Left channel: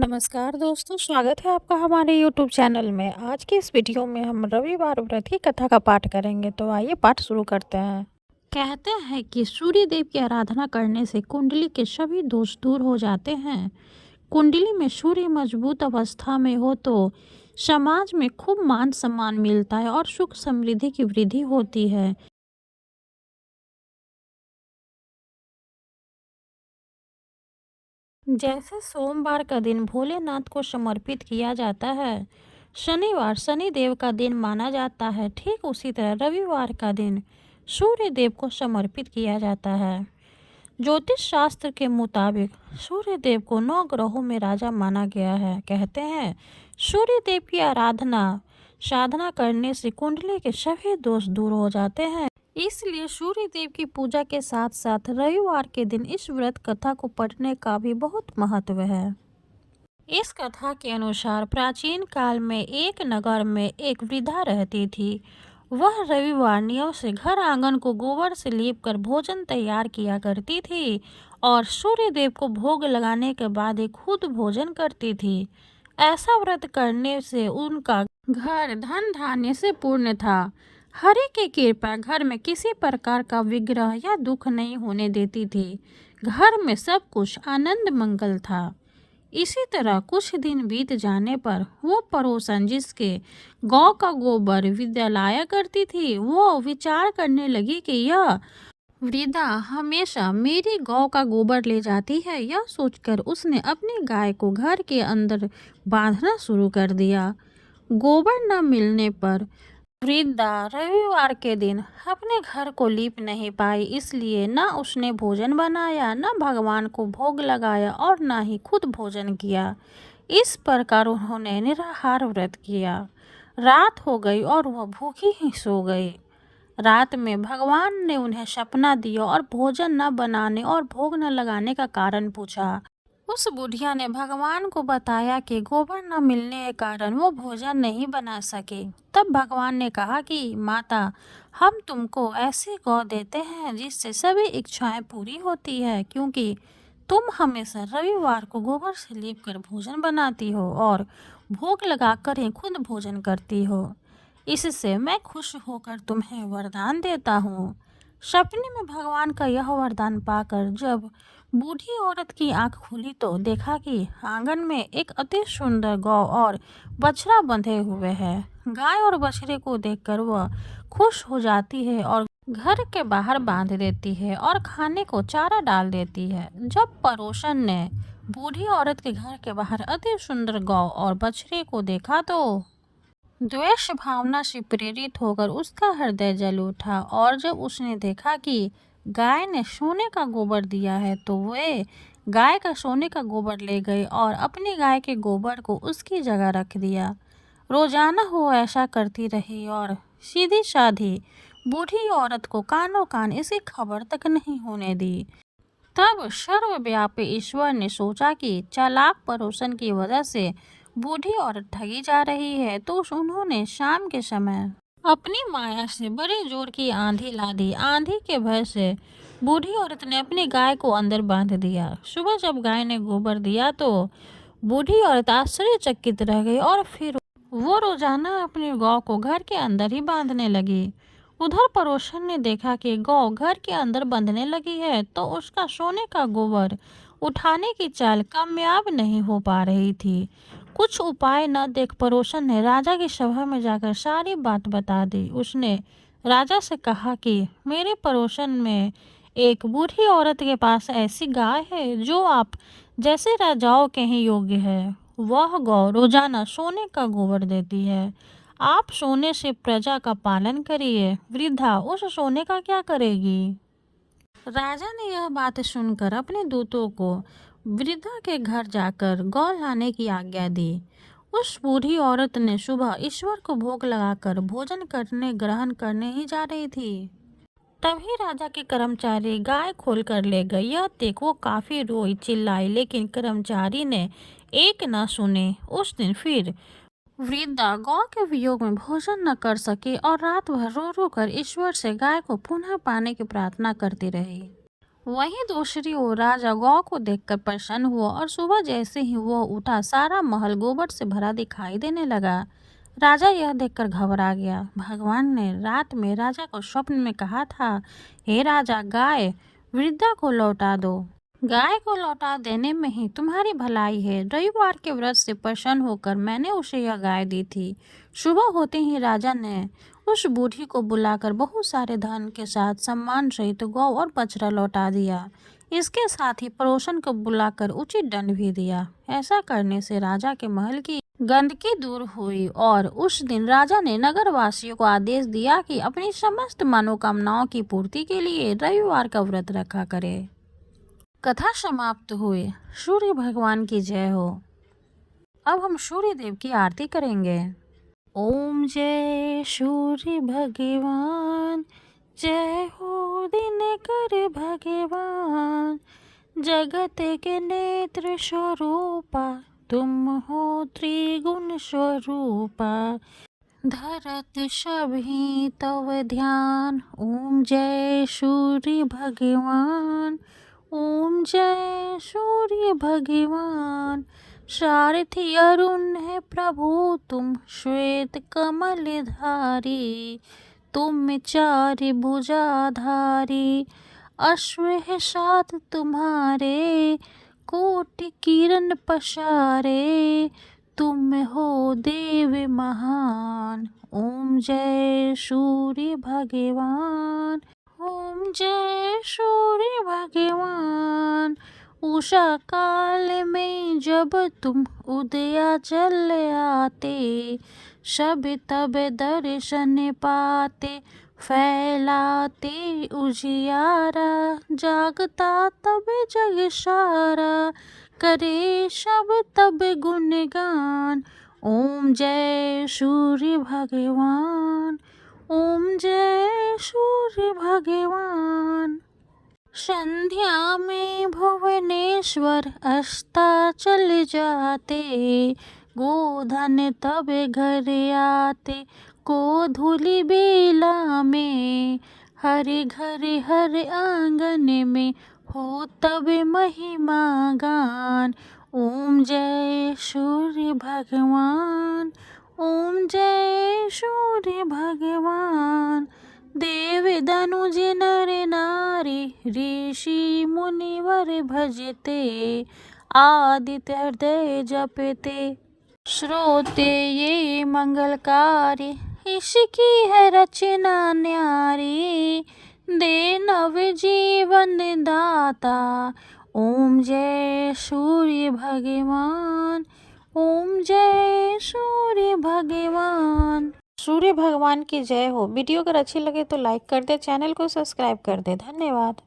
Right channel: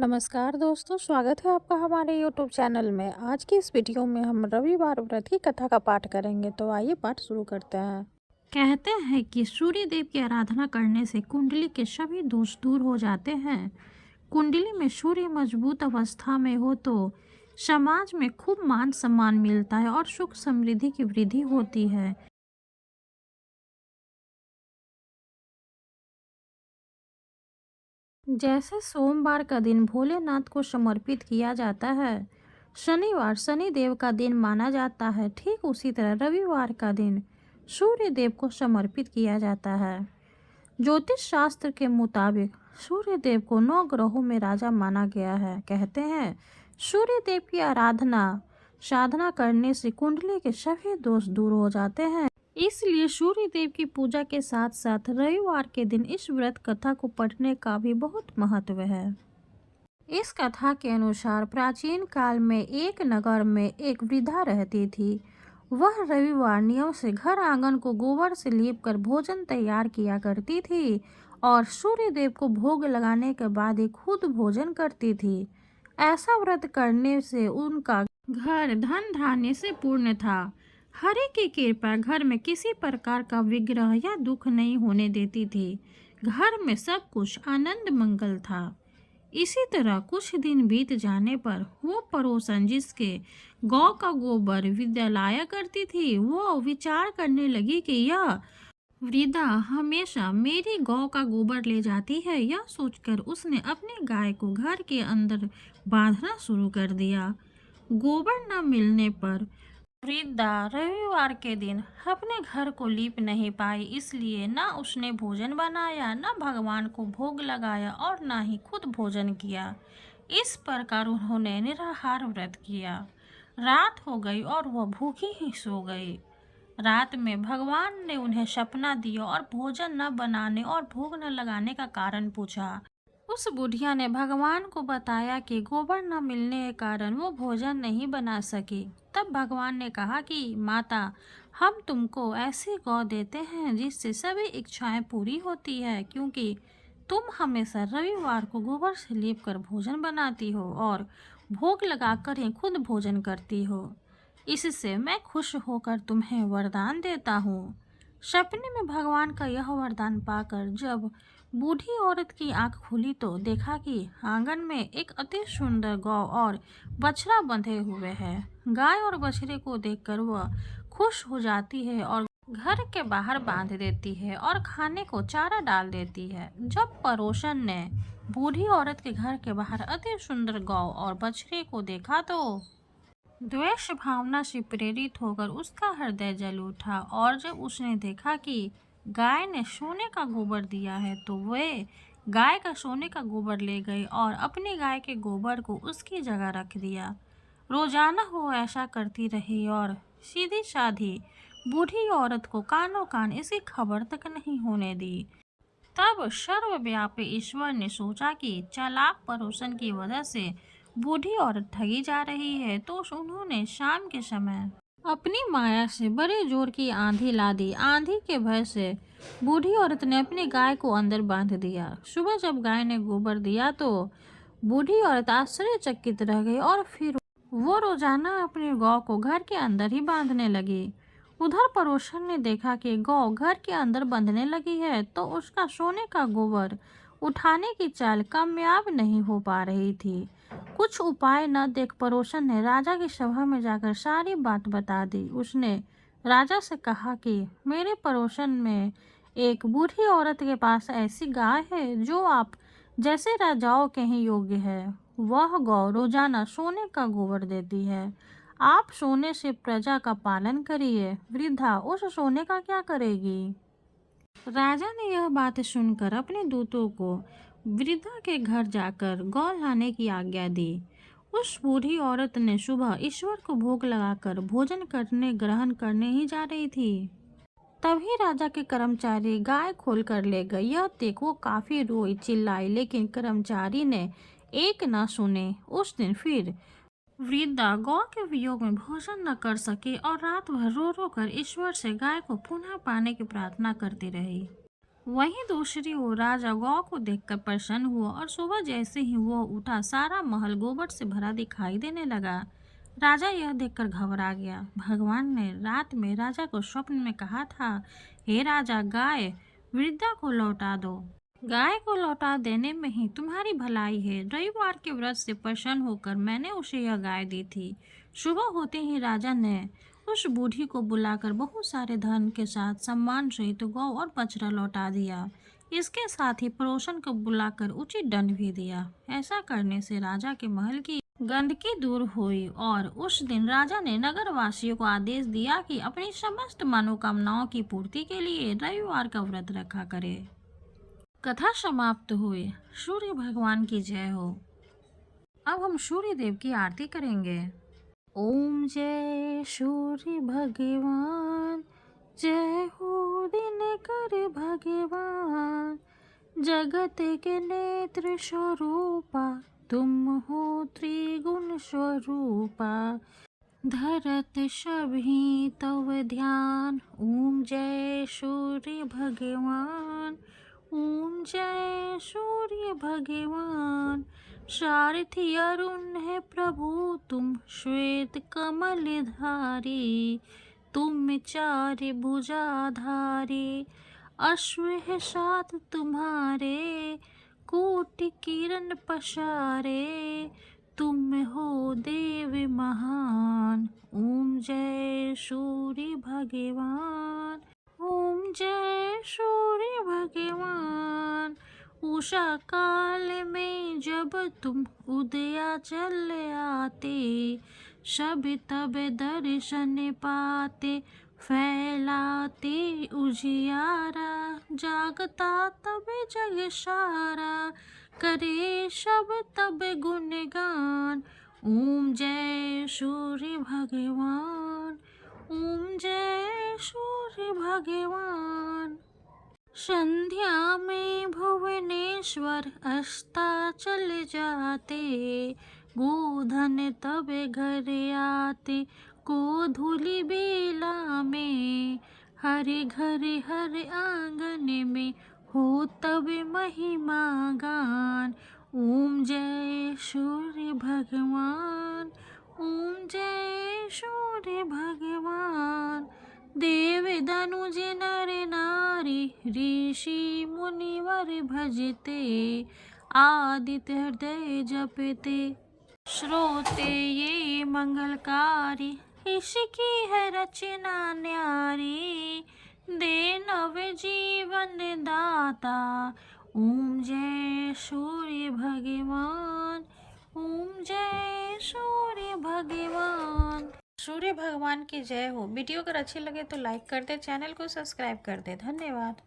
नमस्कार दोस्तों, स्वागत है आपका हमारे यूट्यूब चैनल में। आज की इस वीडियो में हम रविवार व्रत की कथा का पाठ करेंगे, तो आइए पाठ शुरू करते हैं। कहते हैं कि सूर्य देव की आराधना करने से कुंडली के सभी दोष दूर हो जाते हैं। कुंडली में सूर्य मजबूत अवस्था में हो तो समाज में खूब मान सम्मान मिलता है और सुख समृद्धि की वृद्धि होती है। जैसे सोमवार का दिन भोलेनाथ को समर्पित किया जाता है, शनिवार शनि देव का दिन माना जाता है, ठीक उसी तरह रविवार का दिन सूर्य देव को समर्पित किया जाता है। ज्योतिष शास्त्र के मुताबिक सूर्य देव को 9 ग्रहों में राजा माना गया है। कहते हैं सूर्य देव की आराधना साधना करने से कुंडली के सभी दोष दूर हो जाते हैं। इसलिए सूर्य देव की पूजा के साथ साथ रविवार के दिन इस व्रत कथा को पढ़ने का भी बहुत महत्व है। इस कथा के अनुसार प्राचीन काल में एक नगर में एक वृद्धा रहती थी। वह रविवार नियम से घर आंगन को गोबर से लीप कर भोजन तैयार किया करती थी और सूर्य देव को भोग लगाने के बाद ही खुद भोजन करती थी। ऐसा व्रत करने से उनका घर धन धान्य से पूर्ण था। हरि की कृपा घर में किसी प्रकार का विग्रह या दुख नहीं होने देती थी। घर में सब कुछ आनंद मंगल था। इसी तरह कुछ दिन बीत जाने पर वो पड़ोसन जिसके गौ का गोबर विद्या लाया करती थी, वो विचार करने लगी कि यह वृद्धा हमेशा मेरी गौ का गोबर ले जाती है। यह सोचकर उसने अपनी गाय को घर के अंदर बांधना शुरू कर दिया। गोबर न मिलने पर वृद्धा रविवार के दिन अपने घर को लीप नहीं पाई, इसलिए न उसने भोजन बनाया, न भगवान को भोग लगाया और न ही खुद भोजन किया। इस प्रकार उन्होंने निराहार व्रत किया। रात हो गई और वह भूखी ही सो गई। रात में भगवान ने उन्हें सपना दिया और भोजन न बनाने और भोग न लगाने का कारण पूछा। उस बुढ़िया ने भगवान को बताया कि गोबर न मिलने के कारण वो भोजन नहीं बना सके। तब भगवान ने कहा कि माता, हम तुमको ऐसी गौ देते हैं जिससे सभी इच्छाएं पूरी होती है, क्योंकि तुम हमेशा रविवार को गोबर से लीप कर भोजन बनाती हो और भोग लगाकर ही खुद भोजन करती हो। इससे मैं खुश होकर तुम्हें वरदान देता हूँ। सपने में भगवान का यह वरदान पाकर जब बूढ़ी औरत की आंख खुली तो देखा कि आंगन में एक अति सुंदर गौ और बछड़ा बंधे हुए हैं। गाय और बछड़े को देखकर वह खुश हो जाती है और घर के बाहर बांध देती है और खाने को चारा डाल देती है। जब पड़ोसन ने बूढ़ी औरत के घर के बाहर अति सुंदर गौ और बछड़े को देखा तो द्वेष भावना से प्रेरित होकर उसका हृदय जल उठा और जब उसने देखा कि गाय ने सोने का गोबर दिया है तो वे गाय का सोने का गोबर ले गई और अपनी गाय के गोबर को उसकी जगह रख दिया। रोजाना वो ऐसा करती रही और सीधी साधी बूढ़ी औरत को कानों कान इसी खबर तक नहीं होने दी। तब सर्वव्यापी ईश्वर ने सोचा कि चालाक पड़ोसन की वजह से बूढ़ी औरत ठगी जा रही है, तो उन्होंने शाम के समय अपनी माया से बड़े जोर की आंधी ला दी। आंधी के भय से बूढ़ी औरत ने अपनी गाय को अंदर बांध दिया। सुबह जब गाय ने गोबर दिया तो बूढ़ी औरत आश्चर्यचकित रह गई और फिर वो रोजाना अपनी गौ को घर के अंदर ही बांधने लगी। उधर पड़ोसन ने देखा कि गौ घर के अंदर बंधने लगी है तो उसका सोने का गोबर उठाने की चाल कामयाब नहीं हो पा रही थी। कुछ उपाय न देख पड़ोसन ने राजा की सभा में जाकर सारी बात बता दी। उसने राजा से कहा कि मेरे पड़ोसन में एक बूढ़ी औरत के पास ऐसी गाय है जो आप जैसे राजाओं के ही योग्य है। वह गौ रोजाना सोने का गोबर देती है। आप सोने से प्रजा का पालन करिए। वृद्धा उस सोने का क्या करेगी? राजा ने यह बात सुनकर अपने दूतों को वृद्धा के घर जाकर गौ लाने की आज्ञा दी। उस बूढ़ी औरत ने सुबह ईश्वर को भोग लगाकर भोजन करने ग्रहण करने ही जा रही थी। तभी राजा के कर्मचारी गाय खोल कर ले गए। यह देख वो काफी रोई चिल्लाई, लेकिन कर्मचारी ने एक न सुने। उस दिन फिर वृद्धा गौ के वियोग में भोजन न कर सकी और रात भर रो रो कर ईश्वर से गाय को पुनः पाने की प्रार्थना करती रही। वहीं दूसरी ओर राजा गौ को देखकर प्रसन्न हुआ और सुबह जैसे ही वो उठा सारा महल गोबर से भरा दिखाई देने लगा। राजा यह देखकर घबरा गया। भगवान ने रात में राजा को स्वप्न में कहा था, हे राजा, गाय वृद्धा को लौटा दो। गाय को लौटा देने में ही तुम्हारी भलाई है। रविवार के व्रत से प्रसन्न होकर मैंने उसे यह गाय दी थी। सुबह होते ही राजा ने उस बूढ़ी को बुलाकर बहुत सारे धन के साथ सम्मान सहित गौ और बछड़ा लौटा दिया। इसके साथ ही पड़ोसन को बुलाकर उचित दंड भी दिया। ऐसा करने से राजा के महल की गंदगी दूर हुई और उस दिन राजा ने नगरवासियों को आदेश दिया कि अपनी समस्त मनोकामनाओं की पूर्ति के लिए रविवार का व्रत रखा करे। कथा समाप्त हुई। सूर्य भगवान की जय हो। अब हम सूर्य देव की आरती करेंगे। ओम जय सूर्य भगवान, जय हो दिनकर भगवान। जगत के नेत्र स्वरूपा, तुम हो त्रिगुण स्वरूपा। धरत सभी तव ध्यान, ओम जय सूर्य भगवान। ओम जय सूर्य भगवान। सारथी अरुण है प्रभु तुम, श्वेत कमल धारी। तुम चार भुजाधारी, अश्व है साथ तुम्हारे। कोटि किरण पसारे, तुम हो देव महान। ओम जय सूर्य भगवान। ओम जय सूर्य भगवान। उषा काल में जब तुम उदयाचल आते, सब तब दर्शन पाते। फैलाते उजियारा, जागता तब जग सारा। करे सब तब गुणगान, ओम जय सूर्य भगवान। ओम जय सूर्य भगवान। संध्या में भुवनेश्वर अस्ताचल जाते। गोधन तब घर आते, को धूलि बेला में। हर घर हर आंगन में, हो तब महिमा गान। ओम जय सूर्य भगवान। ओम जय सूर्य भगवान। देव दनुज नर नारी, ऋषि मुनिवर भजते। आदित्य हृदय जपते, श्रोते ये मंगलकारी। इसकी है रचना न्यारी, दे नव जीवन दाता। ओम जय सूर्य भगवान। ओम जय सूर्य भगवान। सूर्य भगवान की जय हो। वीडियो अगर अच्छी लगे तो लाइक कर दे, चैनल को सब्सक्राइब कर दे। धन्यवाद।